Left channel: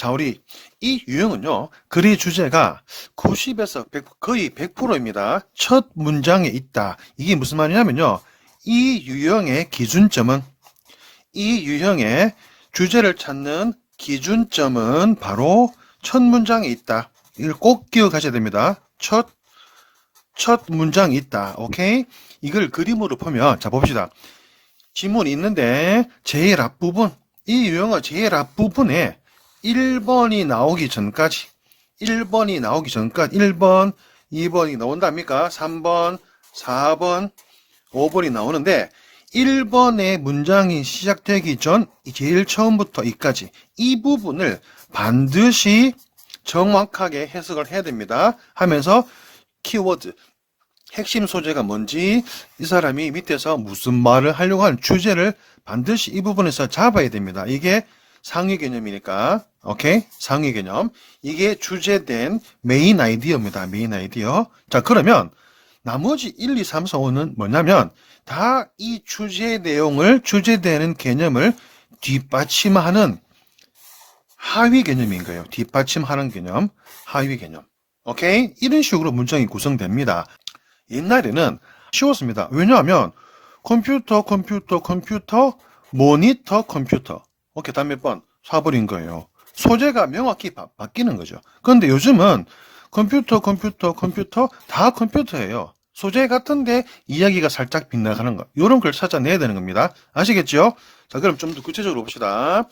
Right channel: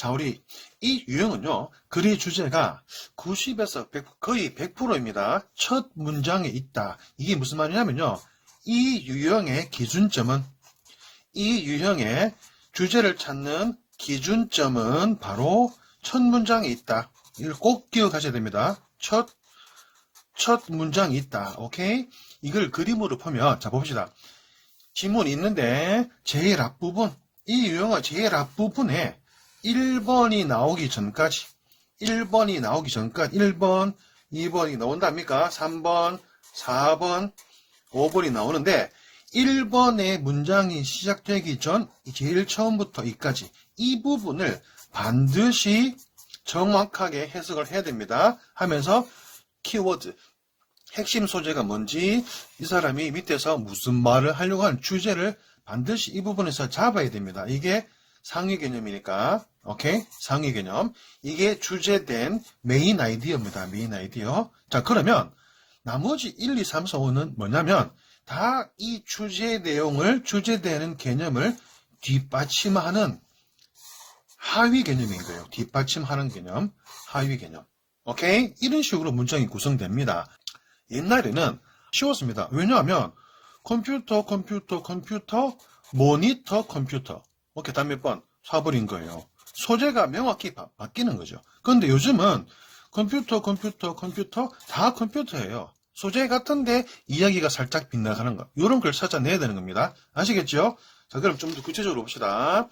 자, 우리 이 유형은요, 글의 주제가 90에서 100, 거의 100%입니다. 첫 문장에 있다. 이게 무슨 말이냐면요, 이 유형의 기준점은, 이 유형의 주제를 찾는 기준점은 바로 첫 문장에 있다. 이걸 꼭 기억하셔야 됩니다. 첫 문장이 있다. 오케이? 이걸 그림으로 보면, 자, 봅시다. 지문이 있는데, 제일 앞부분, 이 유형의 제일 앞부분에 1번이 나오기 전까지, 1번이 나오기 전까지, 1번, 2번이 나온답니까? 3번, 4번, 5번이 나오는데, 1번의 문장이 시작되기 전, 제일 처음부터 이까지, 이 부분을 반드시 정확하게 해석을 해야 됩니다. 하면서 키워드, 핵심 소재가 뭔지, 이 사람이 밑에서 무슨 말을 하려고 하는 주제를 반드시 이 부분에서 잡아야 됩니다. 이게 상위 개념이니까, 오케이? 상위 개념. 이게 주제된 메인 아이디어입니다. 메인 아이디어. 자, 그러면 나머지 1, 2, 3, 4, 5는 뭐냐면 다 이 주제 내용을, 주제되는 개념을 뒷받침하는 하위 개념인 거예요. 뒷받침하는 개념, 하위 개념. 오케이? 이런 식으로 문장이 구성됩니다. 옛날에는 쉬웠습니다. 왜냐하면 컴퓨터, 모니터, 컴퓨터. 오케이, 다음 몇 번? 쏴버린 거예요. 소재가 명확히 바뀌는 거죠. 그런데 요즘은 컴퓨터, 다 컴퓨터예요. 소재 같은데 이야기가 살짝 빗나가는 거. 이런 걸 찾아내야 되는 겁니다. 아시겠죠? 자, 그럼 좀 더 구체적으로 봅시다.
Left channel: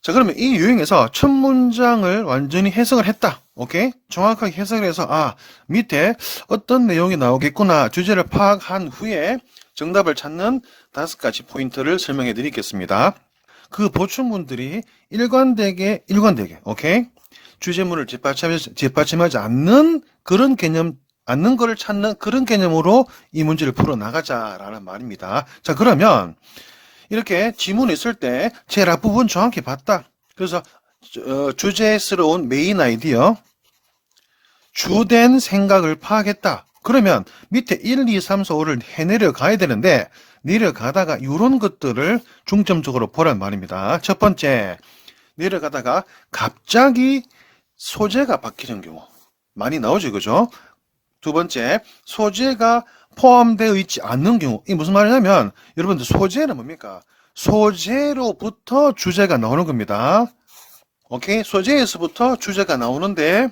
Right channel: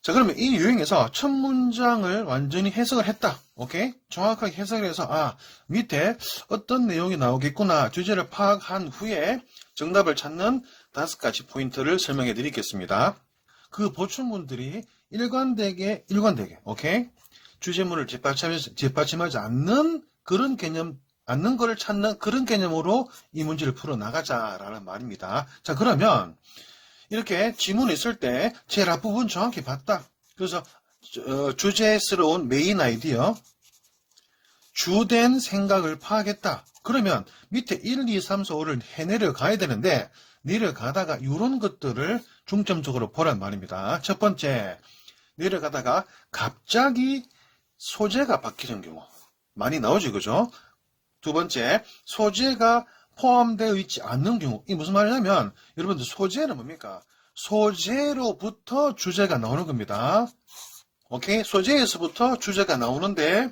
자, 그러면 이 유형에서 첫 문장을 완전히 해석을 했다. 오케이? 정확하게 해석을 해서, 밑에 어떤 내용이 나오겠구나. 주제를 파악한 후에 정답을 찾는 5가지 포인트를 설명해 드리겠습니다. 그 보충문들이 일관되게, 오케이? 주제문을 뒷받침하지 않는 그런 개념, 않는 거를 찾는 그런 개념으로 이 문제를 풀어나가자라는 말입니다. 자, 그러면 이렇게 지문이 있을 때 제일 앞부분 정확히 봤다. 그래서 주제스러운 메인 아이디어, 주된 생각을 파악했다. 그러면 밑에 1, 2, 3, 4, 5를 해내려 가야 되는데 내려가다가 이런 것들을 중점적으로 보란 말입니다. 첫 번째, 내려가다가 갑자기 소재가 바뀌는 경우 많이 나오죠, 그죠? 두 번째, 소재가 포함되어 있지 않는 경우. 이게 무슨 말이냐면 여러분들 소재는 뭡니까? 소재로부터 주제가 나오는 겁니다. 오케이? 소재에서부터 주제가 나오는데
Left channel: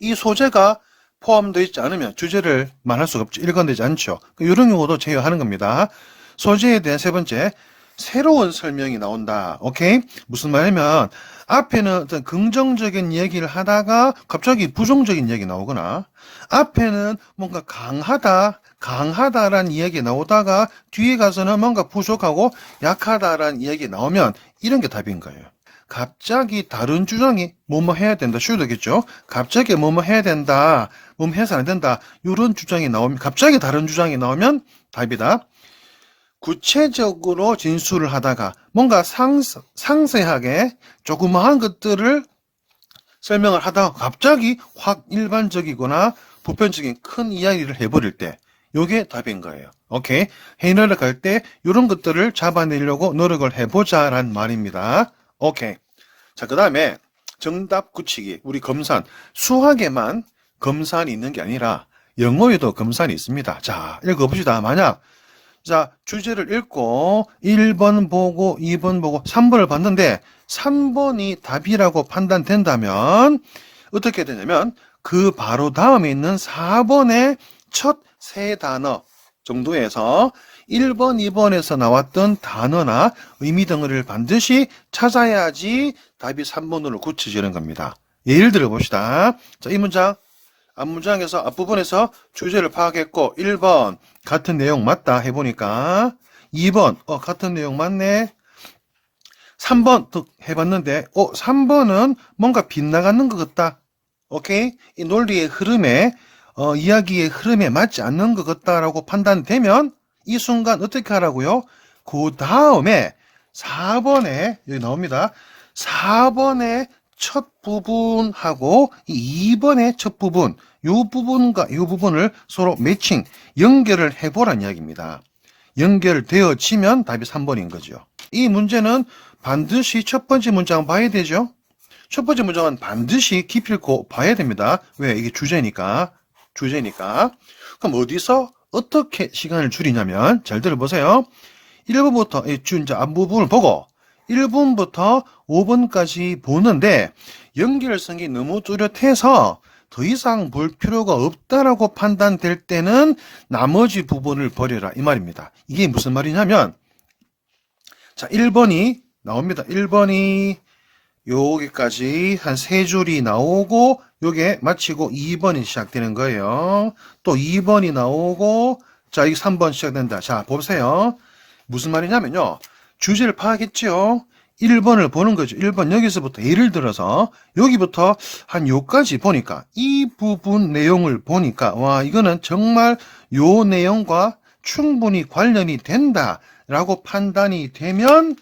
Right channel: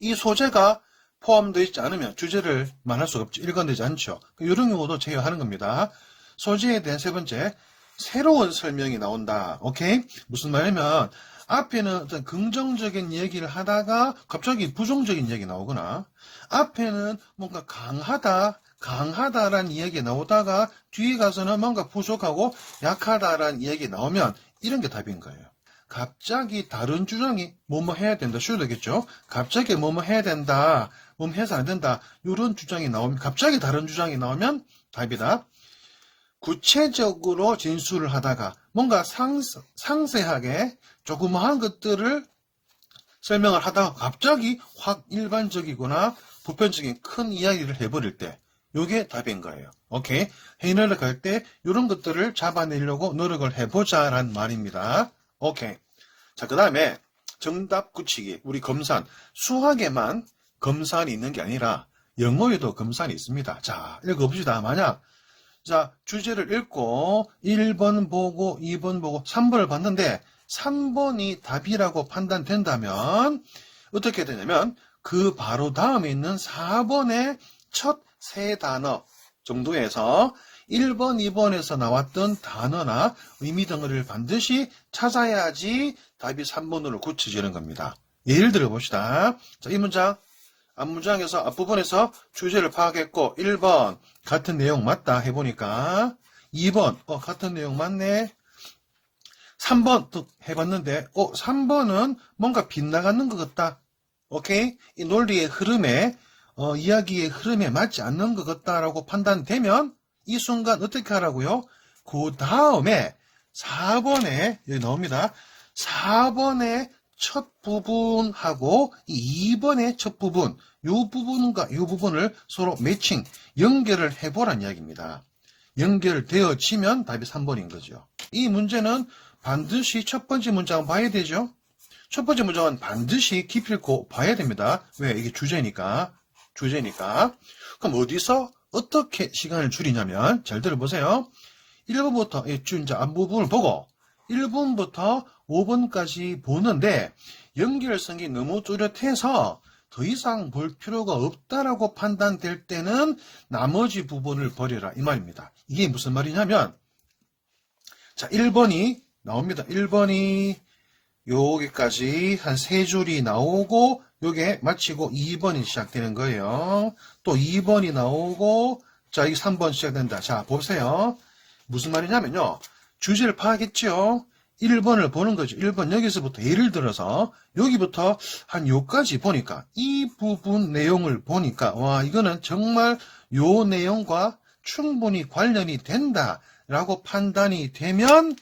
이 소재가 포함되어 있지 않으면 주제를 말할 수가 없죠. 일관되지 않죠. 이런 경우도 제외하는 겁니다. 소재에 대한 세 번째, 새로운 설명이 나온다. 오케이? 무슨 말이냐면 앞에는 어떤 긍정적인 얘기를 하다가 갑자기 부정적인 얘기 나오거나 앞에는 뭔가 강하다라는 이야기 나오다가 뒤에 가서는 뭔가 부족하고 약하다라는 이야기 나오면 이런 게 답인 거예요. 갑자기 다른 주장이 뭐뭐 해야 된다. 쉬우되겠죠? 갑자기 뭐뭐 해야 된다. 뭐뭐 해서 안 된다. 이런 주장이 나오면 갑자기 다른 주장이 나오면 답이다. 구체적으로 진술을 하다가 뭔가 상세하게 조그마한 것들을 설명을 하다가 갑자기 확 일반적이거나 보편적인 큰 이야기를 해버릴 때 요게 답인 거예요. 오케이? 회의를 갈 때 이런 것들을 잡아내려고 노력을 해보자란 말입니다. 오케이. 자, 그 다음에 정답 굳히기. 우리 검산. 수학에만 검산이 있는 게 아니라 영어에도 검산이 있습니다. 자, 읽어봅시다. 만약 자, 주제를 읽고 1번 보고 2번 보고 3번을 봤는데 3번이 답이라고 판단된다면 어떻게 되냐면 그 바로 다음에 있는 4번의 첫 세 단어 정도에서 1번, 2번에서 나왔던 단어나 의미 등을 반드시 찾아야지 답이 3번으로 굳혀지는 겁니다. 예를 들어 봅시다. 자, 이 문장 앞문장에서 앞부분에서 주제를 파악했고 1번 같은 내용 맞다 해보니까 2번 같은 내용 맞네. 3번 또 해봤는데 3번은 뭔가 빗나가는 것 같다. 오케이? 이 논리의 흐름에 이야기의 흐름에 맞지 않는 것 같다라고 판단되면 이 순간 어떻게 하라고요? 그 다음에 4번에 여기 나옵니다. 4번의 첫 부분하고 2번의 첫 부분, 이 부분과 이 부분을 서로 매칭, 연결을 해보란 이야기입니다. 연결되어지면 답이 3번인 거죠. 이 문제는 반드시 첫 번째 문장 봐야 되죠. 첫 번째 문장은 반드시 기필코 봐야 됩니다. 왜? 이게 주제니까. 그럼 어디서 어떻게 시간을 줄이냐면, 잘 들어보세요. 1번부터 이제 앞부분을 보고 1번부터 5번까지 보는데 연결성이 너무 뚜렷해서 더 이상 볼 필요가 없다라고 판단될 때는 나머지 부분을 버려라 이 말입니다. 이게 무슨 말이냐면, 자, 1번이 나옵니다. 1번이 여기까지 한 3줄이 나오고 요게 마치고 2번이 시작되는 거예요. 또 2번이 나오고, 자, 이게 3번 시작된다. 자, 보세요. 무슨 말이냐면요. 주제를 파악했죠. 1번을 보는 거죠. 1번 여기서부터 예를 들어서 여기부터 한 요까지 보니까 이 부분 내용을 보니까 와, 이거는 정말 요 내용과 충분히 관련이 된다라고 판단이 되면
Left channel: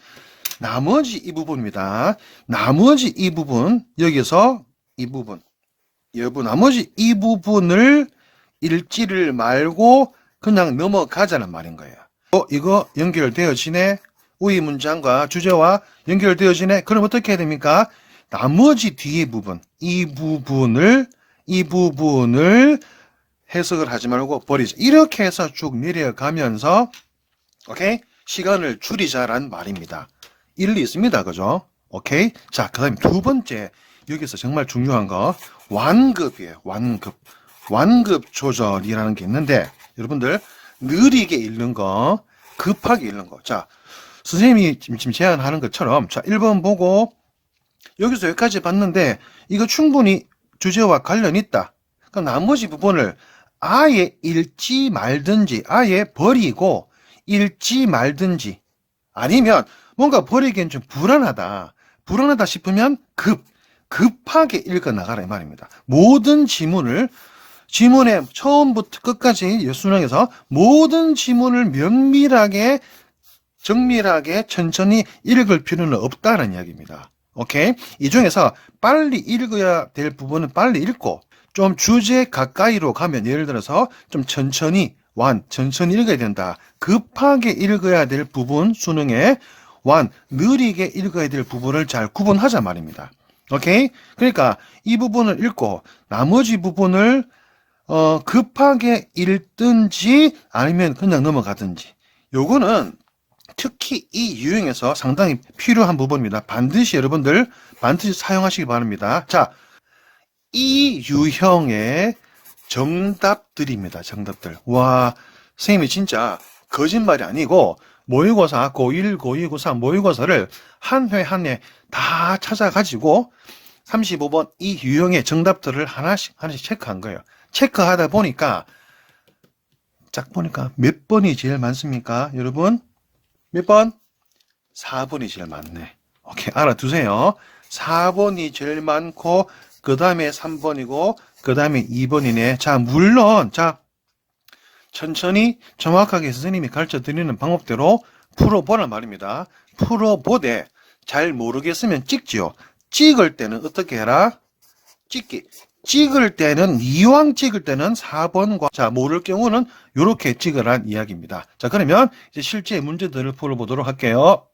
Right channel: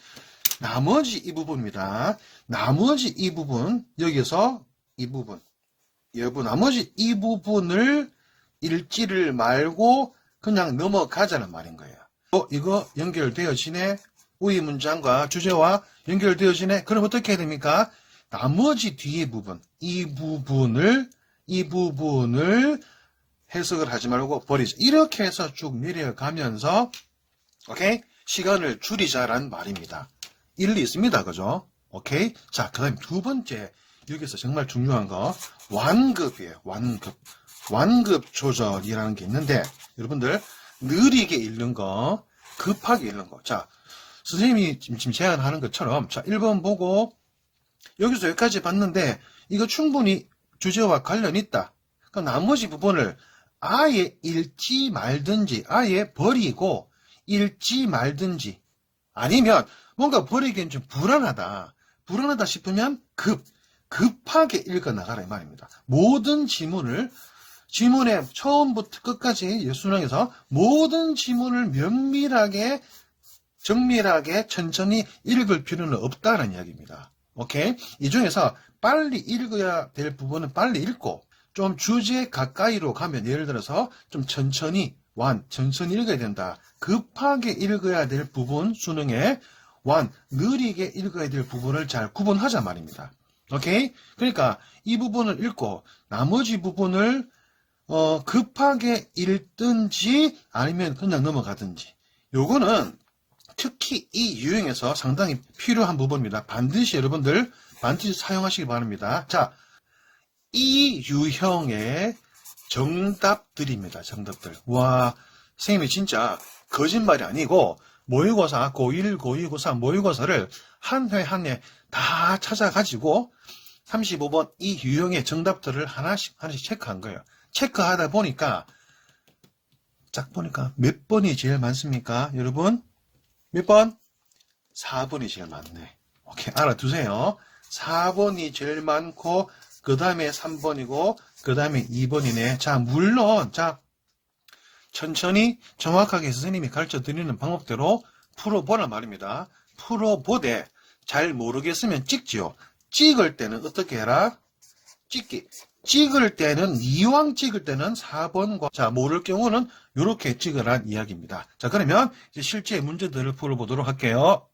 나머지 이 부분입니다. 나머지 이 부분, 여기서 이 부분, 나머지 이 부분을 읽지를 말고 그냥 넘어가자는 말인 거예요. 이거 연결되어지네. 우리 문장과 주제와 연결되어지네. 그럼 어떻게 해야 됩니까? 나머지 뒤에 부분, 이 부분을 해석을 하지 말고 버리자. 이렇게 해서 쭉 내려가면서, 오케이? 시간을 줄이자란 말입니다. 일리 있습니다. 그죠? 오케이? 자, 그 다음에 두 번째, 여기서 정말 중요한 거, 완급이에요. 완급 조절이라는 게 있는데, 여러분들, 느리게 읽는 거, 급하게 읽는 거. 자, 선생님이 지금 제안하는 것처럼, 자, 1번 보고, 여기서 여기까지 봤는데, 이거 충분히 주제와 관련이 있다. 그럼 나머지 부분을 아예 읽지 말든지, 아예 버리고, 읽지 말든지, 아니면 뭔가 버리기엔 좀 불안하다 싶으면 급하게 읽어 나가라 이 말입니다. 모든 지문의 처음부터 끝까지 예순항에서 모든 지문을 면밀하게 정밀하게 천천히 읽을 필요는 없다는 이야기입니다. 오케이? 이 중에서 빨리 읽어야 될 부분은 빨리 읽고, 좀 주제 가까이로 가면 예를 들어서 좀 천천히 읽어야 된다. 급하게 읽어야 될 부분, 수능에 느리게 읽어야 될 부분을 잘 구분하자 말입니다. 오케이? 그러니까 이 부분을 읽고 나머지 부분을 급하게 읽든지 아니면 그냥 넘어가든지. 요거는 특히 이 유형에서 상당히 필요한 부분입니다. 여러분들 반드시 사용하시기 바랍니다. 자, 이 유형의 정답들입니다. 정답들. 와, 선생님이 진짜 거짓말이 아니고 모의고사, 고1, 고2, 고3 모의고사를 한 회 한 회 다 찾아가지고 35번 이 유형의 정답들을 하나씩 체크한 거예요. 체크하다 보니까 짝 보니까 몇 번이 제일 많습니까? 여러분? 몇 번? 4번이 제일 많네. 오케이, 알아두세요. 4번이 제일 많고 그 다음에 3번이고 그 다음에 2번이네. 자, 물론 천천히 정확하게 선생님이 가르쳐 드리는 방법대로 풀어보란 말입니다. 풀어보되 잘 모르겠으면 찍지요. 찍을 때는 어떻게 해라? 찍을 때는 이왕 찍을 때는 4번과 자, 모를 경우는 이렇게 찍으란 이야기입니다. 자, 그러면 이제 실제 문제들을 풀어보도록 할게요.